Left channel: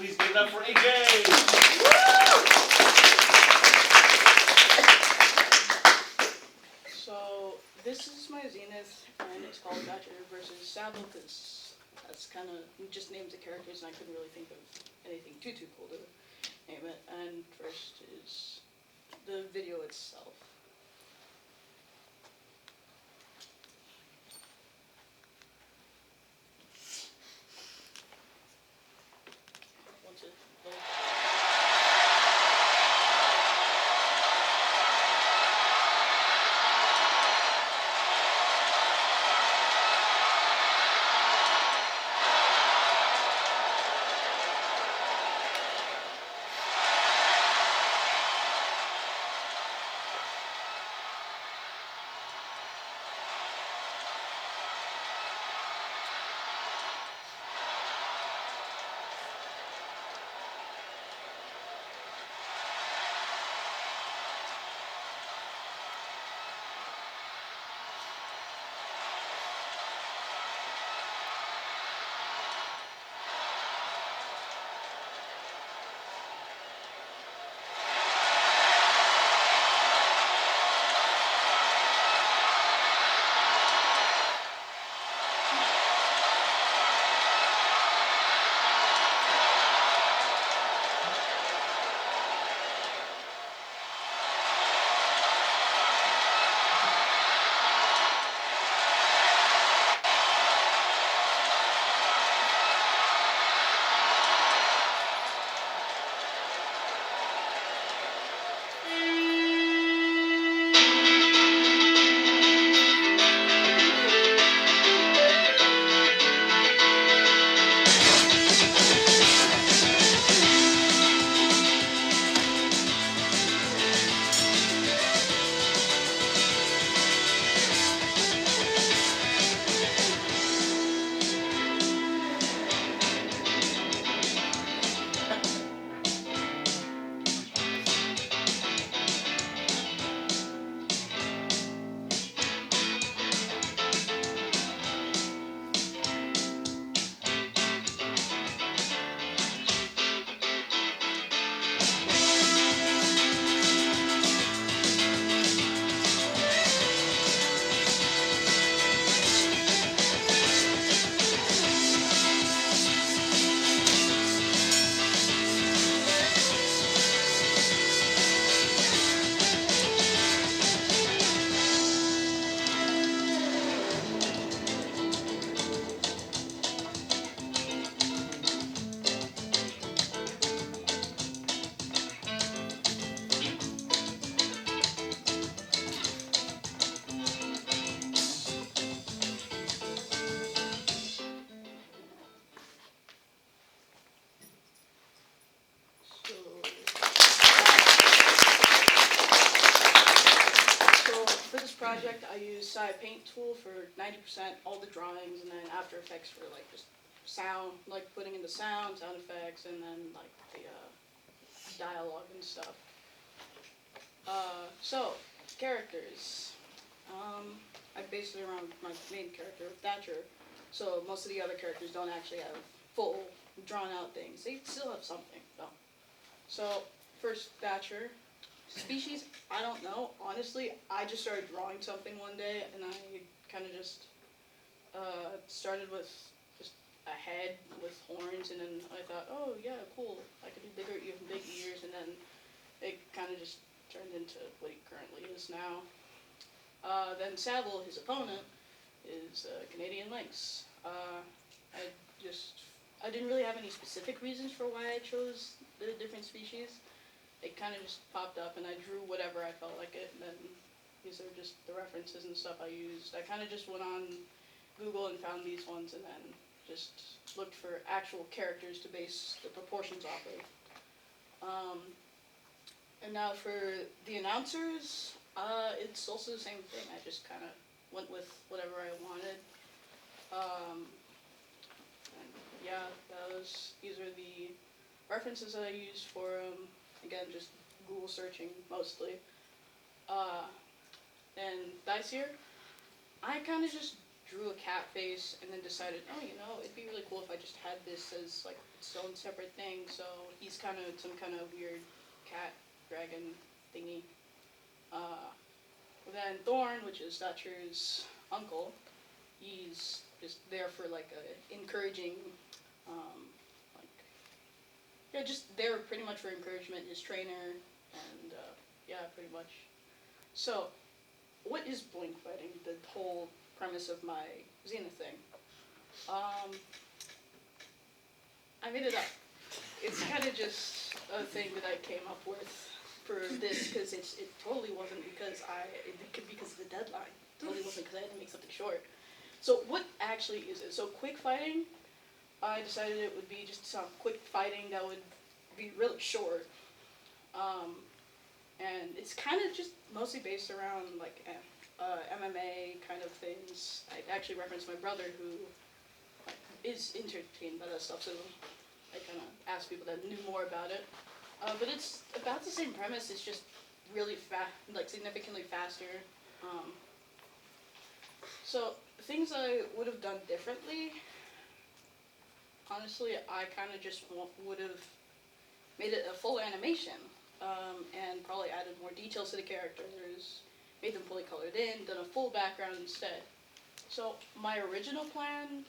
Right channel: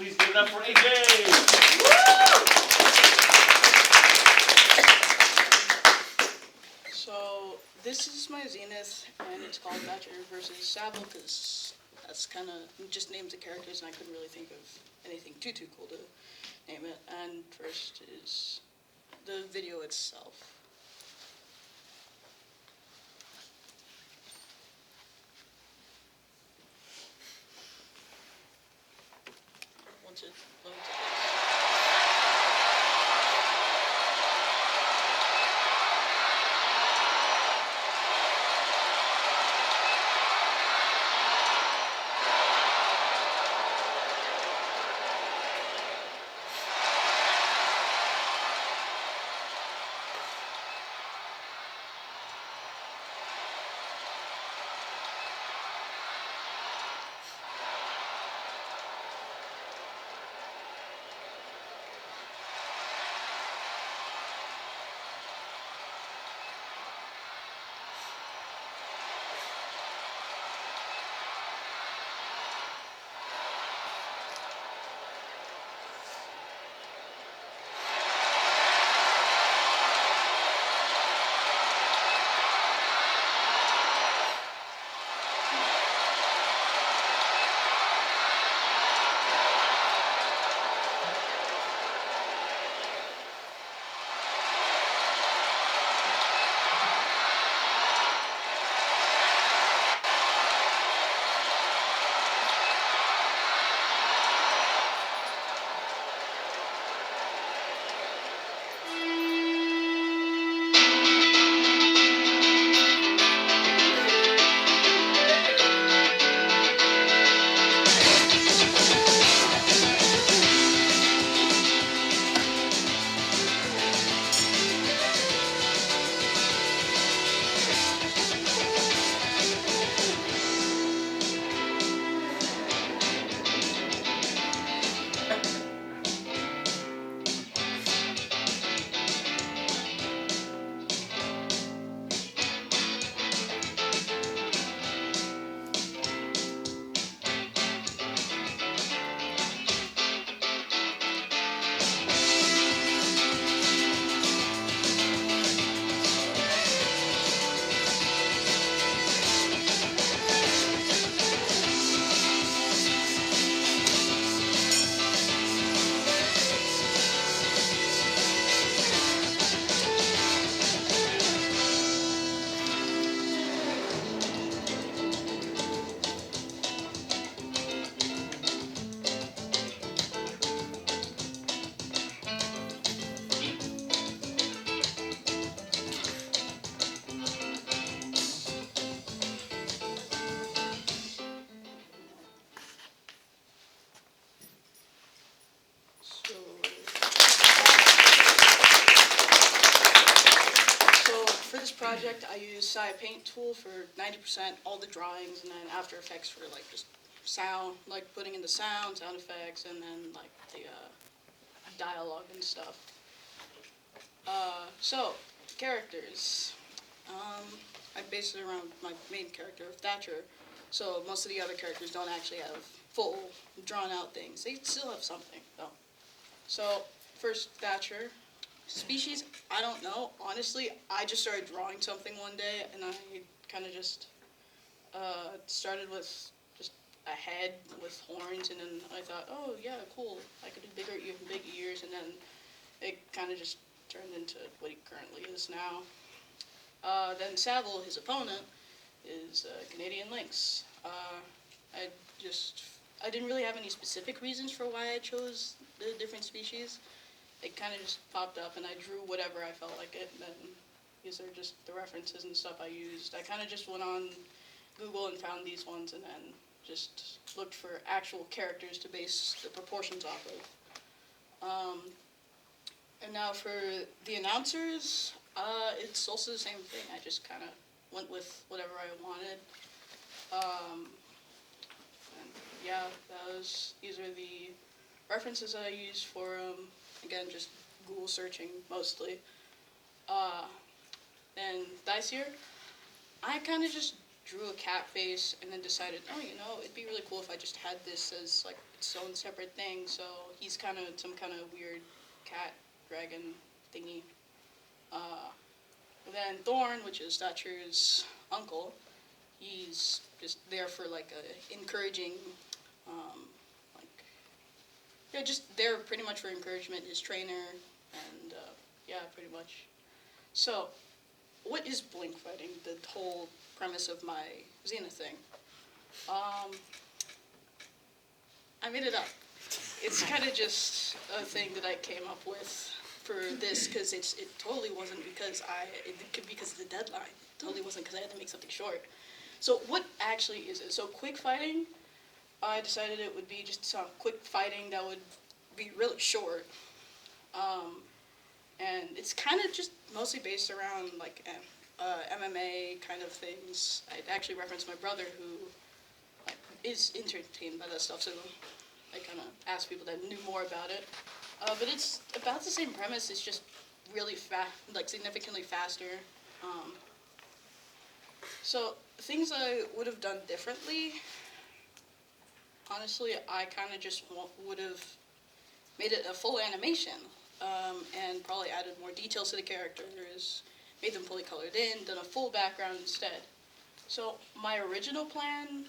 Please give it up for AJ. So this is my Zenith, and it's called Thatcher versus Savile, because that's kind of just names of characters, and I couldn't really think of anything too cool to name it. And first is the video itself. Once it loads. So for this project, I use Sci Paint tool for 90%, all the drawings, and then After Effects for like just sound, like putting in the sound effects, and then like the dialogue and stuff. So characters. I based it around my main character, Thatcher. So most of the other characters don't actually have full drawn out things. They still have something though. So first, Thatcher. Species, I don't know. Honestly, I just started drawing something one day, and I kind of just started with just a head with horns, and then I thought, oh yeah, cool. I could do big ears, and then it kind of just turned into what he currently is now. Then Savile, his opponent, is Canadian Lynx. I didn't really have any specific reasons for why I chose the different species. It kind of just popped up, and I drew whatever I felt like it, and then these are just the references and stuff I used. I kind of just went on Google and found these ones, and then just looked for actual characters to base the proportions off of. And now for the announcers, it's also the same thing. I just kind of went with whatever I wanted. And yeah, these are the references that I used for them. Again, just Google searching mostly. And this year, I kind of just drew a cat face and then decided, oh, it'd be really cool if I just had this as like its own separate thing. So he's kind of some kind of weird cat dragon thingy. Then Thorn, which is Thatcher's uncle, he's just there for like a encouraging, like, yeah, just there pretty much for encouragement. His trainer, and yeah, pretty much. So, what is blink fighting? The whole premise of my Zenith thing. I made it up. It's kind of just a thing that I came up with for this because it totally wasn't because because of the deadline. It totally wasn't because I had to make something short. So what actually is it? So quick fighting, I decided it would be just some quick fighting that would be really short. And it's kind of just mostly based around like MMA kind of things. I actually referenced my brother who is entertained by that stuff, so I kind of asked people that knew more about it. But it's about the same premise. It's just really fast, like significantly faster. So things I would have done differently. Honestly, I kind of just would have made it a full animation, and probably added more details to the characters, made them fully colored in, done a full background instead. So my original plan,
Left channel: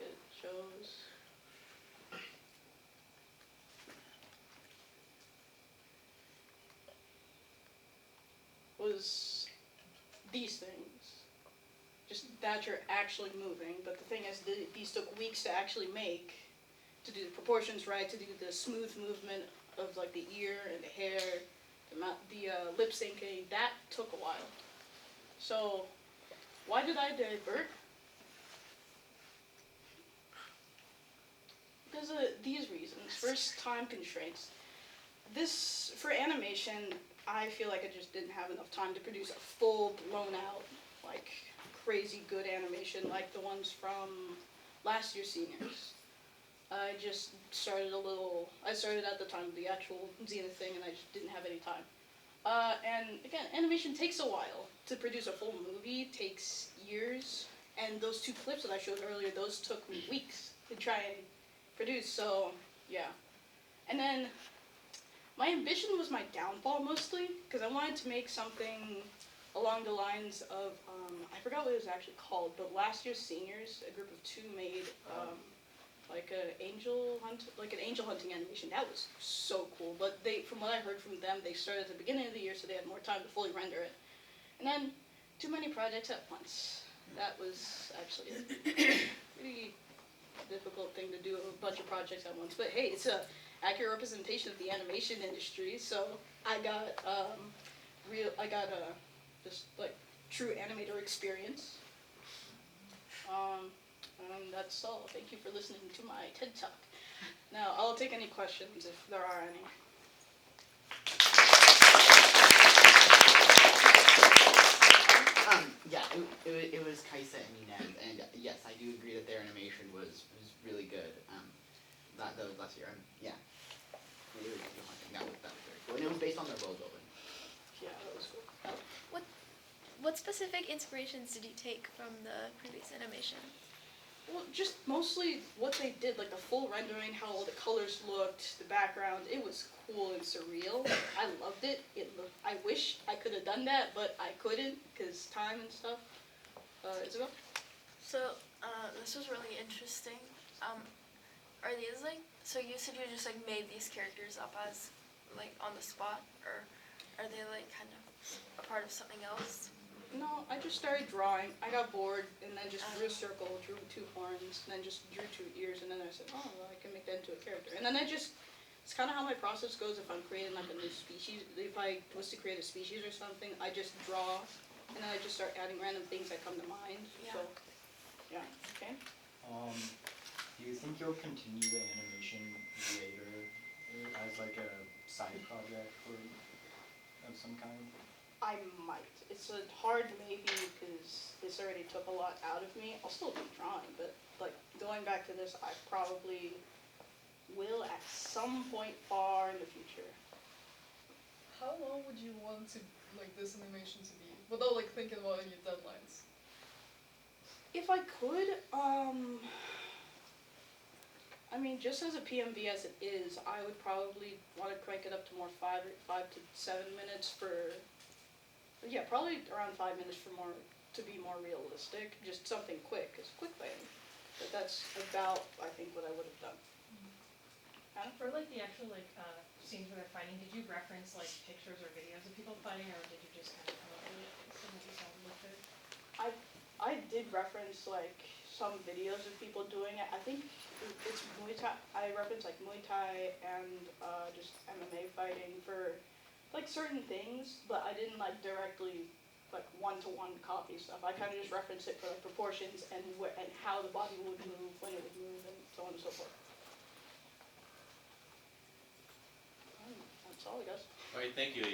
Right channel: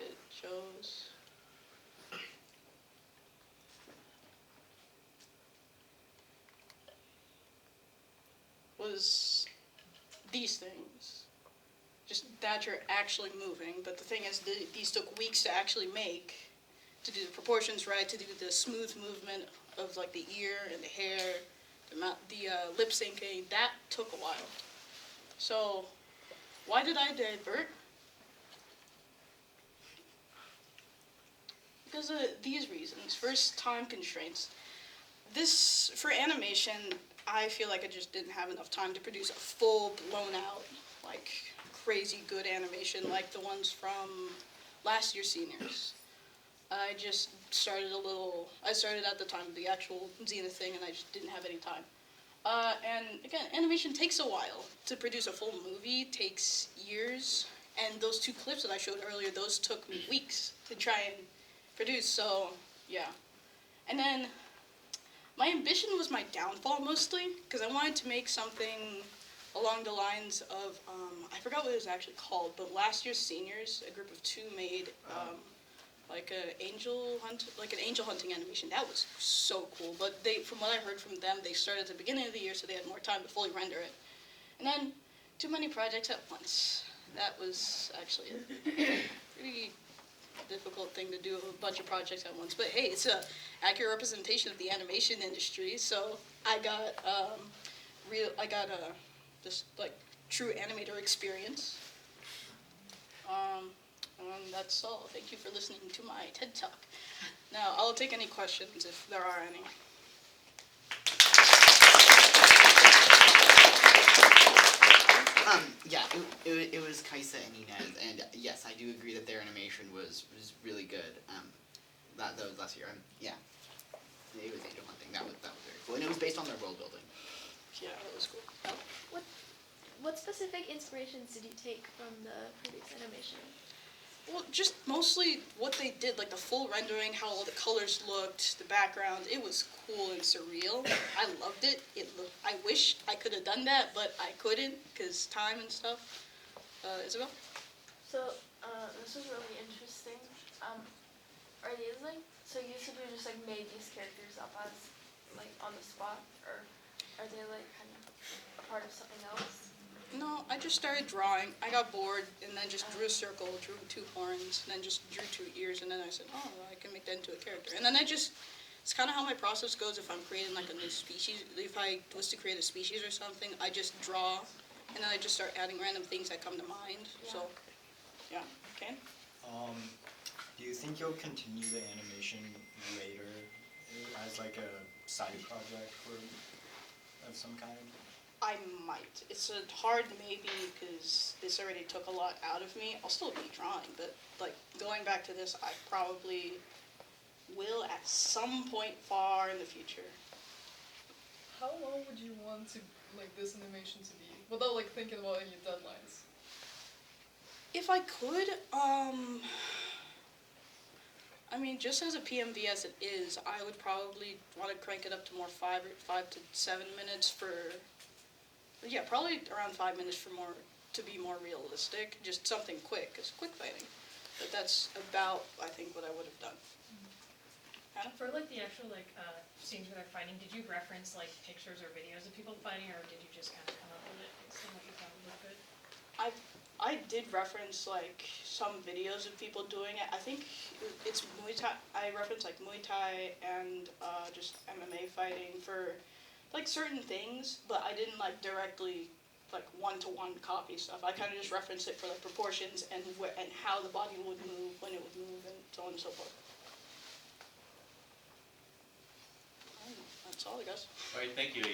it shows. Was these things. Just that you're actually moving, but the thing is, these took weeks to actually make, to do the proportions right, to do the smooth movement of like the ear and the hair, the lip syncing. That took a while. So, why did I divert? Because of these reasons. First, time constraints. This, for animation, I feel like I just didn't have enough time to produce a full, blown out, like, crazy good animation like the ones from last year's seniors. I just started I started at the time of the actual Zenith thing, and I just didn't have any time. And again, animation takes a while. To produce a full movie takes years, and those 2 clips that I showed earlier, those took me weeks to try and produce, so, yeah. And then, my ambition was my downfall mostly, because I wanted to make something along the lines of, I forgot what it was actually called, but last year's seniors, a group of 2 made like an angel hunting animation. That was so cool. But from what I heard from them, they started at the beginning of the year, so they had more time to fully render it. And then, too many projects at once. That was actually a pretty difficult thing to do, a bunch of projects at once. But hey, it's a accurate representation of the animation industry. So I got just like true animator experience. And that's all. Thank you for listening to my TED Talk. Now, I'll take any questions if there are any. Yeah, it was Kaisa and Inez, and yes, I do agree that their animation was really good. That was last year. Yeah, it was angel hunting. That was very cool, and it was based on their world building. Yeah, that was cool. What specific inspirations did you take from the previous animation? Well, just mostly what they did, like the full rendering, how all the colors looked, the background. It was cool and surreal. I loved it. I wish I could have done that, but I couldn't because time and stuff. Isabel? So, this was really interesting. Are these so you said you just made these characters up as on the spot, or are they kind of a part of something else? No, I just started drawing. I got bored and then just drew a circle, drew 2 horns, and then just drew 2 ears, and then I said, oh, well, I can make that into a character. And then it's kind of how my process goes if I'm creating a new species. If I was to create a species or something, I just draw, and then I just start adding random things that come to mind. Yeah. So, yeah. Okay? Do you think you'll continue the animation later as a side project of some kind? I might. It's a hard maybe because this already took a lot out of me. I'll still be drawing, but going back to this, I probably will at some point far in the future. How long would you want this animation to be without thinking about any deadlines? If I could, I mean, just as a PMV as it is, I would probably want to crank it up to more 5 to 7 minutes for, yeah, probably around 5 minutes for more, to be more realistic. Just something quick, it's quick fighting. But that's about, I think, what I would have done. Hannah? For like the actual scenes where they're fighting, did you reference like pictures or videos of people fighting, or did you just kind of come up with it as soon as you sounded like it? I did reference like some videos of people doing it. I think it's Muay Thai. I reference like Muay Thai and just MMA fighting for like certain things, but I didn't like directly like one-to-one copy stuff. I kind of just referenced it for the proportions and and how the body would move, when it would move, and so on and so forth. That's all, I guess. All right, thank you, Amy.